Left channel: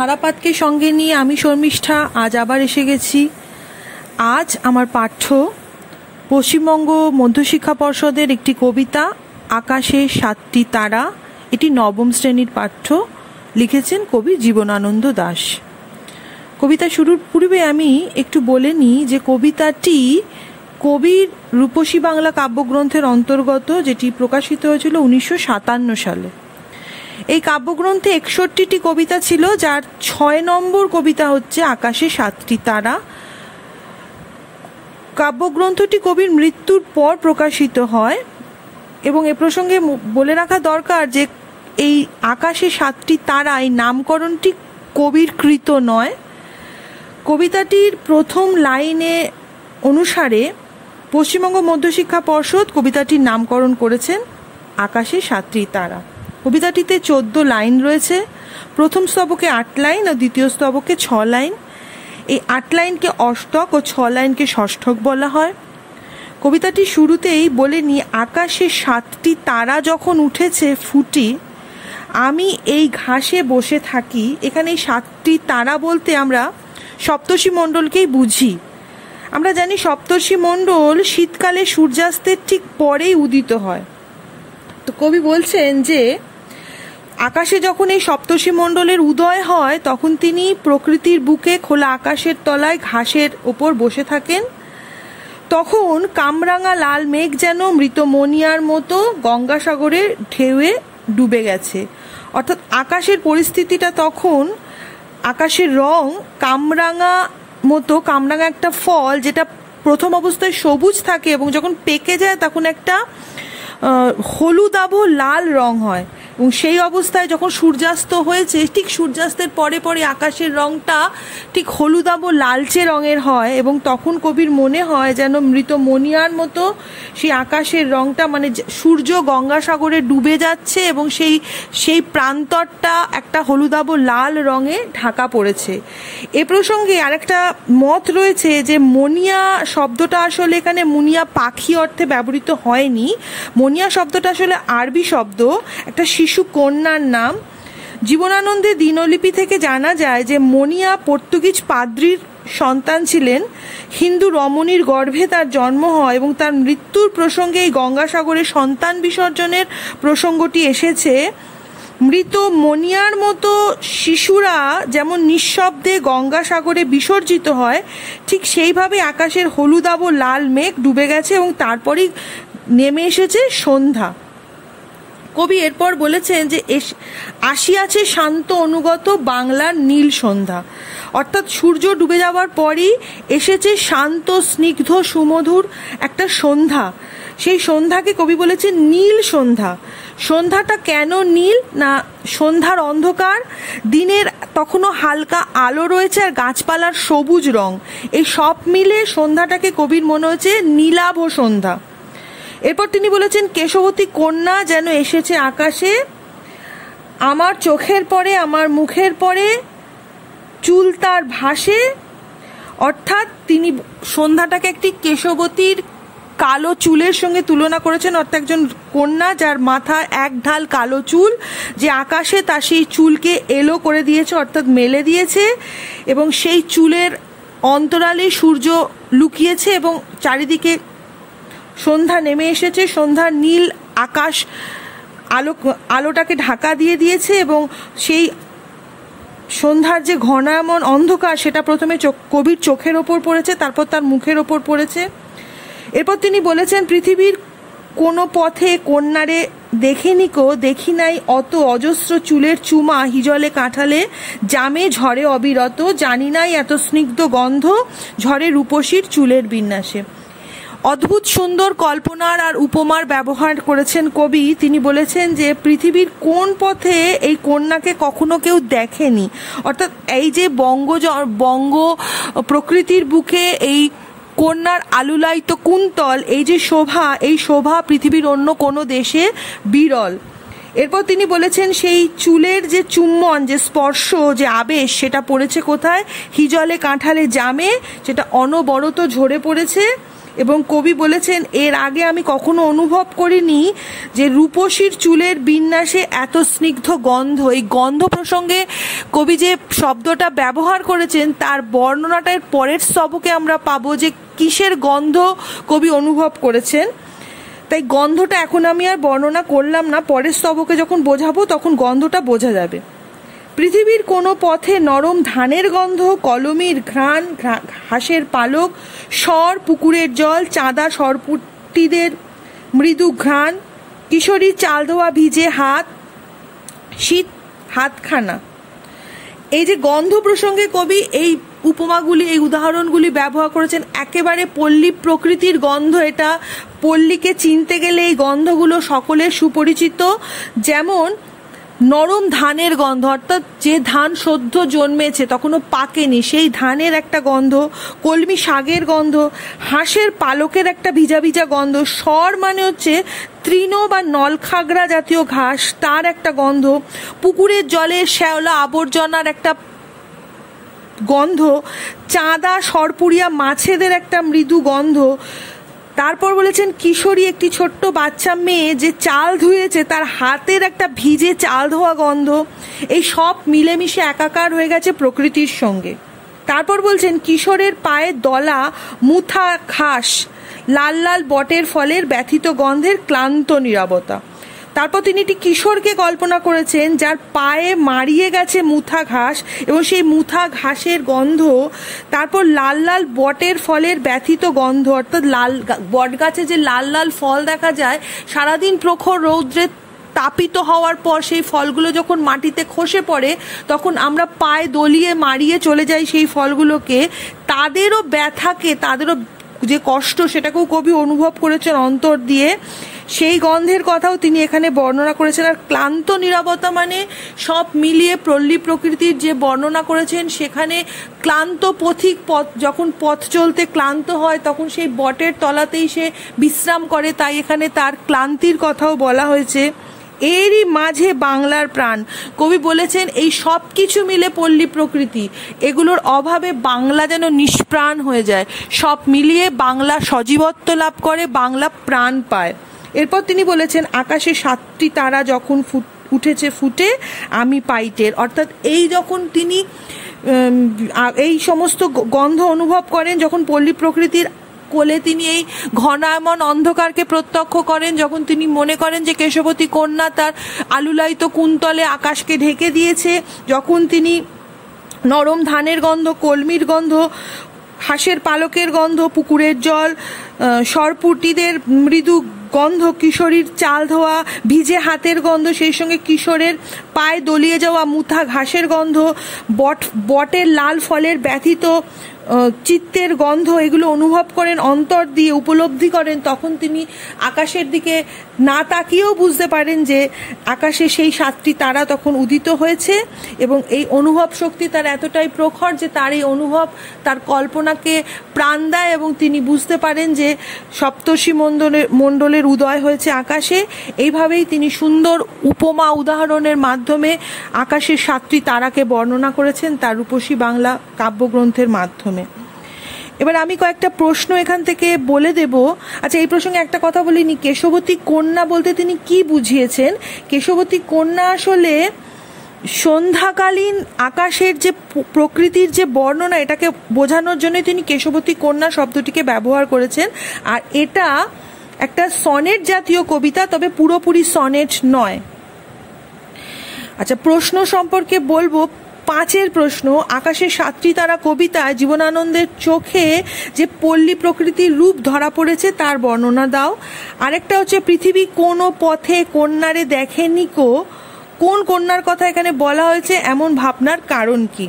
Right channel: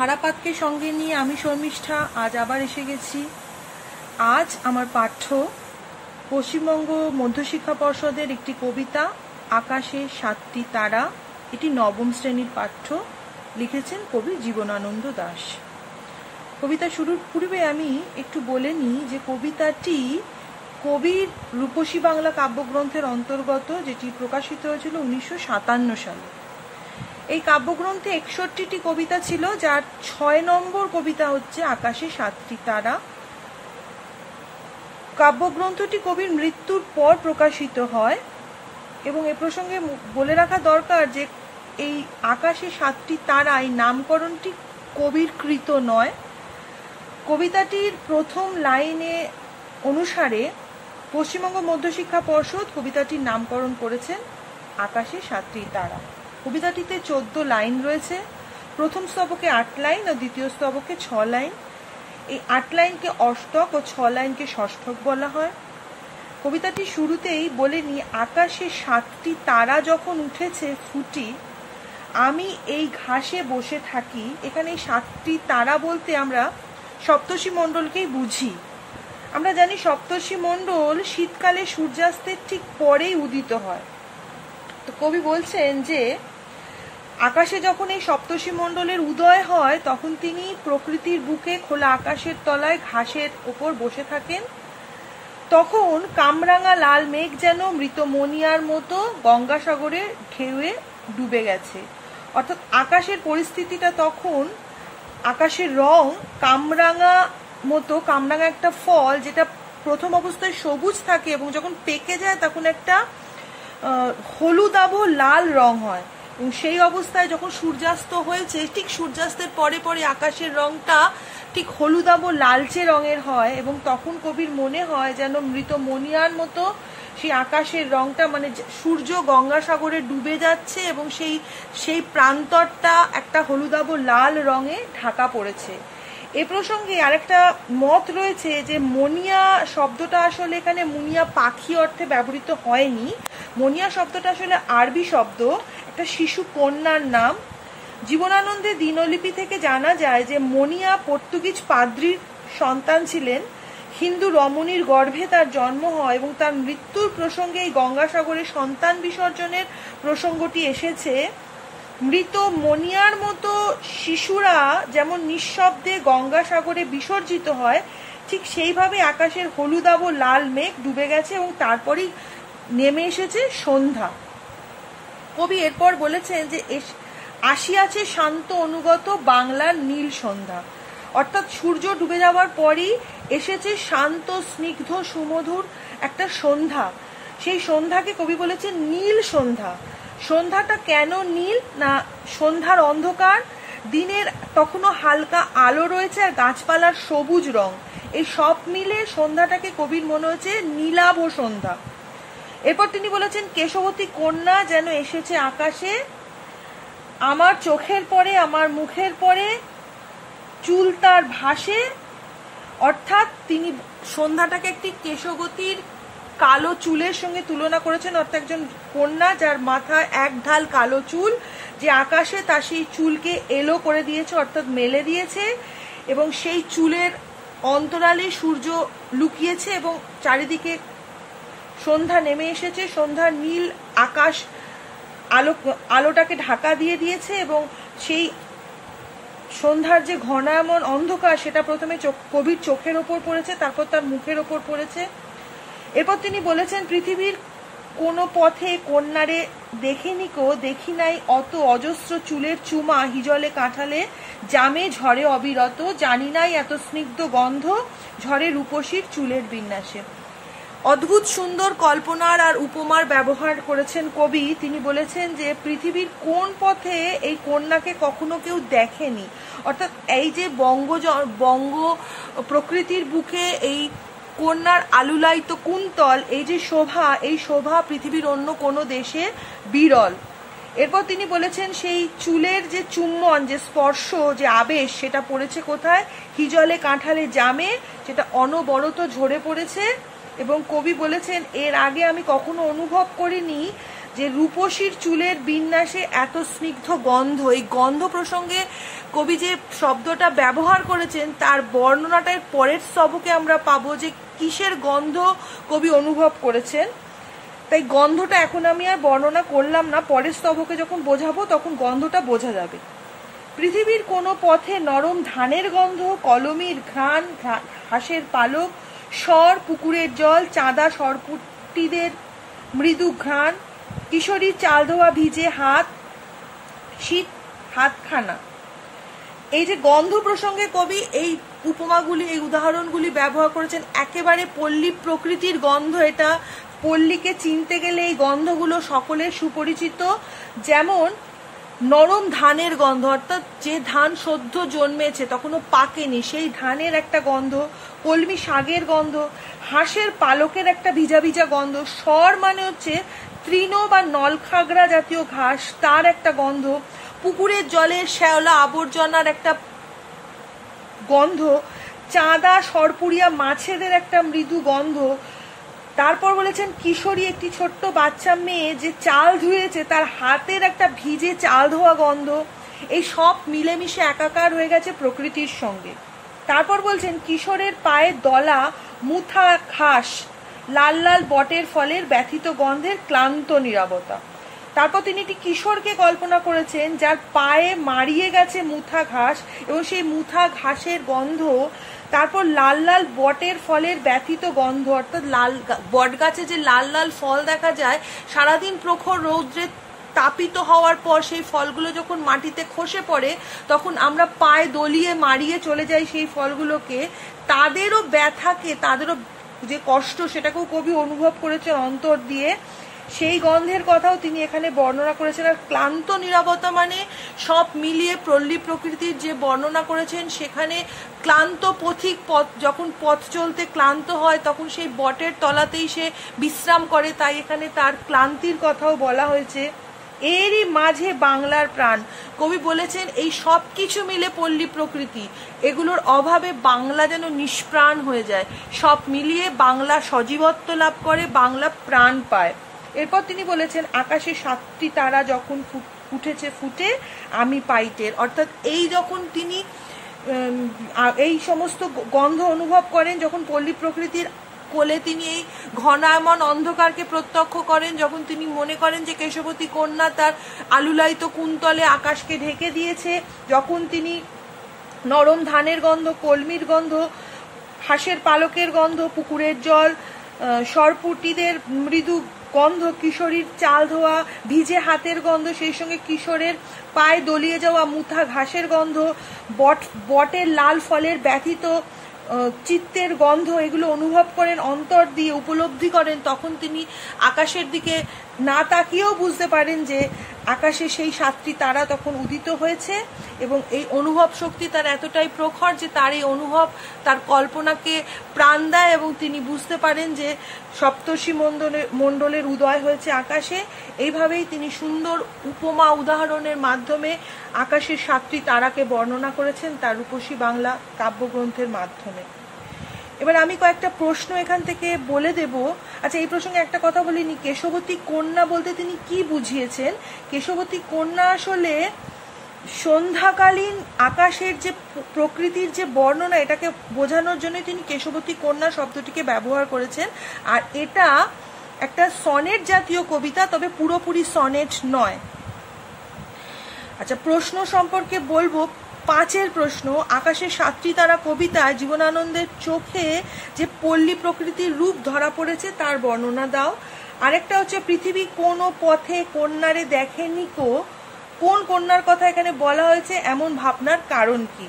ধারাপাতকে সঙ্গে নিয়ে আমি শর্মিষ্ঠা আজ আবার এসে গেছি। আজ আমার পাঠ্য পশ্চিমবঙ্গ মধ্যশিক্ষা পর্ষদের একটি কবিতা আকাশে 7টি তারা। এটি নবম শ্রেণীর পাঠ্য, লিখেছেন কবি জীবনানন্দ দাশ। কবিতা শুরুর পূর্বে আমি একটু বলে নিই যে কবিতাটি কবির রূপসী বাংলা কাব্যগ্রন্থের অন্তর্গত, যেটি প্রকাশিত হয়েছিল 1957 সালে। এই কাব্যগ্রন্থে 61টি কবিতা ছিল, যার 6 নম্বর কবিতা হচ্ছে আকাশে 7টি তারা। কাব্যগ্রন্থটি কবির মৃত্যুর পর প্রকাশিত হয় এবং এ প্রসঙ্গে বলে রাখা দরকার যে এই আকাশে 7টি তারা এই নামকরণটি কবির কৃত নয়। কবিতাটির প্রথম লাইনে অনুসারে পশ্চিমবঙ্গ মধ্যশিক্ষা পর্ষদ কবিতাটির নামকরণ করেছেন আকাশে 7টি তারা। কবিতাটিতে 14 লাইন রয়েছে। প্রথম স্তবকে 8 লাইন ও দ্বিতীয় স্তবকে 6 লাইন। এই 8 লাইনকে অষ্টক ও 6 লাইনকে ষষ্ঠক বলা হয়। কবিতাটি শুরুতেই বলে নি, আকাশে 7টি তারা যখন উঠেছে ফুটি, আমি এই ঘাসে বসে থাকি। এখানে এই 7টি তারা বলতে আমরা সপ্তর্ষি মণ্ডলকেই বুঝি। আমরা জানি সপ্তর্ষি মণ্ডল শীতকালে সূর্যাস্তের ঠিক পরেই উদিত হয়। তো কবি বলছেন যে আকাশে যখন এই সপ্তর্ষি মণ্ডলের উদয় হয়, তখন তিনি প্রকৃতির বুকে খোলা আকাশের তলায় ঘাসের ওপর বসে থাকেন। তখন কামরাঙা লাল মেঘ যেন মৃত মনিয়ার মতো গঙ্গাসাগরের ঢেউয়ে ডুবে গেছে। অর্থাৎ আকাশের পরিস্থিতিটা তখন, আকাশের রং কামরাঙা মতো। কামরাঙা একটা ফল যেটা প্রথম অবস্থায় সবুজ থাকে এবং যখন পেকে যায় তখন একটা হলুদাভ লাল রং হয়। এবং সেই অবস্থায় যখন সূর্যাস্ত হয়েছে, ঠিক সূর্যাস্তের পরে পরে আকাশের রংটা ঠিক হলুদাভ লালচে রঙের হয় এবং তখন কবির মনে হয় যেন মৃত মনিয়ার মতো সেই আকাশের রংটা, মানে সূর্য গঙ্গাসাগরে ডুবে যাচ্ছে এবং সেই প্রান্তরটা একটা হলুদাভ লাল রঙে ঢাকা পড়েছে। এ প্রসঙ্গে আরেকটা মত রয়েছে যে মনিয়া শব্দটা আসলে এখানে মুনিয়া পাখি অর্থে ব্যবহৃত হয়নি। মনিয়া শব্দটা আসলে আরবি শব্দ, একটা শিশু কন্যার নাম। জীবনানন্দের দিনলিপি থেকে জানা যায় যে মনিয়া পর্তুগিজ পাদ্রির সন্তান ছিলেন। হিন্দু রমণীর গর্ভে তার জন্ম হয় এবং তার মৃত্যুর প্রসঙ্গে এই গঙ্গাসাগরে সন্তান বিসর্জনের প্রসঙ্গটি এসেছে। মৃত মনিয়ার মতো শিশুরা যেমন নিঃশব্দে গঙ্গাসাগরে বিসর্জিত হয়, ঠিক সেইভাবে আকাশের হলুদাভ লাল মেঘ ডুবে গেছে এবং তারপরই নেমে এসেছে সন্ধ্যা। কবি এরপর বলেছেন যে আসিয়াছে শান্ত অনুগত বাংলার নীল সন্ধ্যা। অর্থাৎ সূর্য ডুবে যাওয়ার পরই এসেছে শান্ত স্নিগ্ধ সুমধুর একটা সন্ধ্যা। সেই সন্ধ্যাকে কবি বলেছেন নীল সন্ধ্যা। সন্ধ্যাটা কেন নীল? না, সন্ধ্যার অন্ধকার, দিনের তখনও হালকা আলো রয়েছে আর গাছপালার সবুজ রং, এই সব মিলে সন্ধ্যাটাকে কবির মনে হয়েছে নীলাভ সন্ধ্যা। এরপর তিনি বলেছেন, কেশবতী কন্যা যেন এসেছে আকাশে, আমার চোখের পরে আমার মুখের পরে চুল তার ভাসে। অর্থাৎ তিনি সন্ধ্যাটাকে একটি কেশবতীর কালো চুলের সঙ্গে তুলনা করেছেন। অর্থাৎ একজন কন্যা যার মাথায় এক ঢাল কালো চুল, যে আকাশে তার সেই চুলকে এলো করে দিয়েছে, অর্থাৎ মেলে দিয়েছে, এবং সেই চুলের অন্তরালে সূর্য লুকিয়েছে এবং চারিদিকে সন্ধ্যা নেমে এসেছে। সন্ধ্যার নীল আকাশ আলোটাকে ঢাকা দিয়ে দিয়েছে এবং সেই সন্ধ্যার যে ঘনায়মান অন্ধকার, সেটা প্রথমে কবির চোখের ওপর পড়েছে, তারপর তার মুখের ওপর পড়েছে। এরপর তিনি বলেছেন, পৃথিবীর কোনো পথে কন্যারে দেখি নাই অত অজস্র চুলের চুমা, হিজলে কাঁঠালে জামে ঝরে অবিরত, জানি নাই এত স্নিগ্ধ গন্ধ ঝরে রূপসীর চুলের বিন্যাসে। অদ্ভুত সুন্দর কল্পনার আর উপমার ব্যবহার করেছেন কবি। তিনি বলেছেন যে পৃথিবীর কোন পথে এই কন্যাকে কখনো কেউ দেখেনি। অর্থাৎ এই যে বঙ্গ প্রকৃতির বুকে এই কন্যার আলুলায়িত কুন্তল, এই যে শোভা, এই শোভা পৃথিবীর অন্য কোনো দেশে বিরল। এরপর তিনি বলেছেন, সেই চুলের যে চুম্বন, যে স্পর্শ, যে আবেশ, সেটা পড়েছে কোথায়? হিজলে কাঁঠালে জামে, যেটা অনবরত ঝরে পড়েছে এবং কবি বলেছেন, এর আগে আমি কখনো অনুভব করিনি যে রূপসীর চুলের বিন্যাসে এত স্নিগ্ধ গন্ধ। এই গন্ধ প্রসঙ্গে কবি যে শব্দটা ব্যবহার করেছেন তার বর্ণনাটা এর পরের স্তবকে আমরা পাবো যে কিসের গন্ধ কবি অনুভব করেছেন। তাই গন্ধটা এখন আমি আর বর্ণনা করলাম না, পরের স্তবকে যখন বোঝাবো তখন গন্ধটা বোঝা যাবে। পৃথিবীর কোনো পথে নরম ধানের গন্ধ, কলমির ঘ্রাণ, হাঁসের পালক, স্বর, পুকুরের জল, চাঁদা সরপুটিদের মৃদু ঘ্রাণ, কিশোরীর চাল ধোয়া ভিজে হাত, শীত হাতখানা। এই যে গন্ধ প্রসঙ্গে কবি এই উপমাগুলি, এই উদাহরণগুলি ব্যবহার করেছেন, একেবারে পল্লী প্রকৃতির গন্ধ এটা। পল্লীকে চিনতে গেলে এই গন্ধগুলো সকলের সুপরিচিত। যেমন নরম ধানের গন্ধ, অর্থাৎ যে ধান সদ্য জন্মেছে তখনও পাকেনি সেই ধানের একটা গন্ধ, কলমি শাকের গন্ধ, হাঁসের পালকের একটা ভিজা ভিজা গন্ধ, স্বর মানে হচ্ছে তৃণ বা নলখাগড়া জাতীয় ঘাস, তার একটা গন্ধ, পুকুরের জলে শ্যাওলা আবর্জনার একটা গন্ধ, চাঁদা সরপুরিয়া মাছেদের একটা মৃদু গন্ধ। তারপর বলেছেন কিশোরী, একটি ছোট্ট বাচ্চা মেয়ে যে চাল ধুয়েছে তার হাতের একটা ভিজে চাল ধোয়া গন্ধ। এই সব মিলেমিশে একাকার হয়ে গেছে প্রকৃতির সঙ্গে। তারপর বলছেন কিশোরের পায়ে দলা মুথা ঘাস, লাল লাল বটের ফলের ব্যথিত গন্ধের ক্লান্ত নীরবতা। তারপর তিনি একটি কিশোরকে কল্পনা করেছেন যার পায়ে মারিয়ে গেছে মুথা ঘাস এবং সেই মুথা ঘাসের গন্ধ। তারপর লাল লাল বটের ফলের ব্যথিত গন্ধ, অর্থাৎ লাল বট গাছে যে লাল লাল ফল দেখা যায়, সারাদিন প্রখর রৌদ্রে তাপিত হওয়ার পর সেই ফলগুলো যখন মাটিতে খসে পড়ে তখন আমরা পায়ে দলিয়ে মারিয়ে চলে যাই সেই ফলগুলোকে। তাদেরও ব্যথাকে, তাদেরও যে কষ্ট সেটাকেও কবি অনুভব করেছেন অন্তর দিয়ে। সেই গন্ধের কথাও তিনি এখানে বর্ণনা করেছেন। আর ক্লান্ত নীরবতা মানে সব মিলিয়ে পল্লী প্রকৃতির যে বর্ণনা করেছেন সেখানে ক্লান্ত পথিক যখন পথ চলতে ক্লান্ত হয় তখন সেই বটের তলাতেই সে বিশ্রাম করে, তাই এখানে তার ক্লান্তির কথাও বলা হয়েছে। এরই মাঝে বাংলার প্রাণ, কবি বলেছেন এই সব কিছু মিলে পল্লী প্রকৃতি, এগুলোর অভাবে বাংলা যেন নিষ্প্রাণ হয়ে যায়। সব মিলিয়ে বাংলা সজীবত্ব লাভ করে, বাংলা প্রাণ পায়। এরপর তিনি বলেছেন আকাশে 7টি তারা যখন উঠেছে ফুটে আমি পাইটের, অর্থাৎ এই যখন তিনি এই সমস্ত গন্ধ অনুভব করেন, যখন পল্লী প্রকৃতির কোলে তিনি এই ঘনায়মন অন্ধকারকে প্রত্যক্ষ করেন, যখন তিনি মনে করেন যে কেশবতী কন্যা তার আলুলায়িত কুন্তলে আকাশকে ঢেকে দিয়েছে, যখন তিনি নরম ধানের গন্ধ, কলমির গন্ধ, হাঁসের পালকের গন্ধ, পুকুরের জল, সরপুটিদের মৃদু গন্ধ, কিশোরীর চাল ধোয়া ভিজে হাতের গন্ধ, সেই সঙ্গে কিশোরের পায়ে দলিয়ে যাওয়া মুথা ঘাসের গন্ধ, বটের লাল ফলের ব্যথিত চিত্তের গন্ধ, এগুলো অনুভব করেন অন্তর দিয়ে, উপলব্ধি করেন, তখন তিনি আকাশের দিকে না তাকিয়েও বুঝতে পারেন যে আকাশে সেই 7টি তারা তখন উদিত হয়েছে। এবং এই অনুভব শক্তি তার এতটাই প্রখর যে তার এই অনুভব তার কল্পনাকে প্রাণ দেয় এবং তিনি বুঝতে পারেন যে সপ্তর্ষি মণ্ডলের উদয় হয়েছে আকাশে। এইভাবেই তিনি সুন্দর উপমা উদাহরণের মাধ্যমে আকাশের 7টি তারাকে বর্ণনা করেছেন তার রূপসী বাংলা কাব্যগ্রন্থের মাধ্যমে। এবার আমি কয়েকটা প্রশ্ন এখান থেকে বলে দেব। আচ্ছা, এই প্রসঙ্গে একটা কথা বলিনি, কেশবতী কন্যা বলতে তিনি কি বুঝিয়েছেন। কেশবতী কন্যা আসলে সন্ধ্যাকালীন আকাশের যে প্রকৃতির যে বর্ণনা, এটাকে বোঝানোর জন্য তিনি কেশবতী কন্যা শব্দটিকে ব্যবহার করেছেন। আর এটা একটা সনেট জাতীয় কবিতা, তবে পুরোপুরি সনেট নয়। আচ্ছা, প্রশ্ন সম্পর্কে বলবো। 5 প্রশ্ন, আকাশের 7টি তারা কবিতায় জীবনানন্দের চোখে যে পল্লী প্রকৃতির রূপ ধরা পড়েছে তার বর্ণনা দাও। আরেকটা হচ্ছে পৃথিবী কোনো পথে কন্যারে দেখেনি কো, কোন কন্যার কথা এখানে বলা হয়েছে, এমন ভাবনার কারণ কি।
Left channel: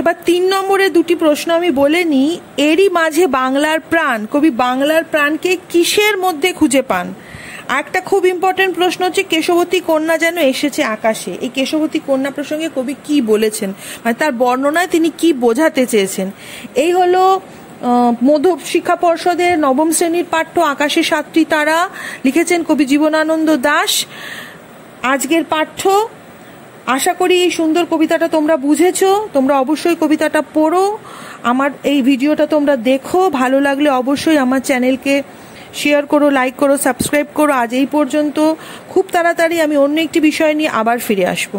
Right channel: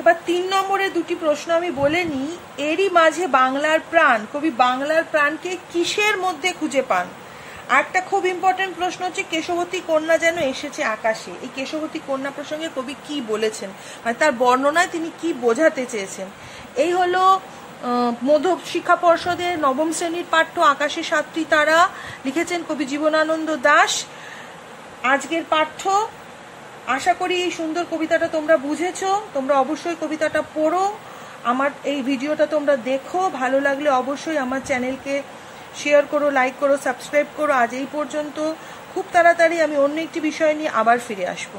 এবার 3 নম্বরে 2টি প্রশ্ন আমি বলে নিই। এরই মাঝে বাংলার প্রাণ, কবি বাংলার প্রাণকে কিসের মধ্যে খুঁজে পান। একটা খুব ইম্পর্টেন্ট প্রশ্ন হচ্ছে কেশবতী কন্যা যেন এসেছে আকাশে। এই কেশবতী কন্যা প্রসঙ্গে কবি কি বলেছেন, মানে তার বর্ণনায় তিনি কি বোঝাতে চেয়েছেন। এই হলো মধ্য শিক্ষা পর্ষদের 9ম শ্রেণীর পাঠ্য আকাশে 7টি তারা, লিখেছেন কবি জীবনানন্দ দাশ। আজকের পাঠ্য। আশা করি এই সুন্দর কবিতাটা তোমরা বুঝেছো। তোমরা অবশ্যই কবিতাটা পড়ো আমার এই ভিডিওটা তোমরা দেখো, ভালো লাগলে অবশ্যই আমার চ্যানেলকে শেয়ার করো, লাইক করো, সাবস্ক্রাইব করো। আজ এই পর্যন্ত। খুব তাড়াতাড়ি আমি অন্য একটি বিষয় নিয়ে আবার ফিরে আসবো।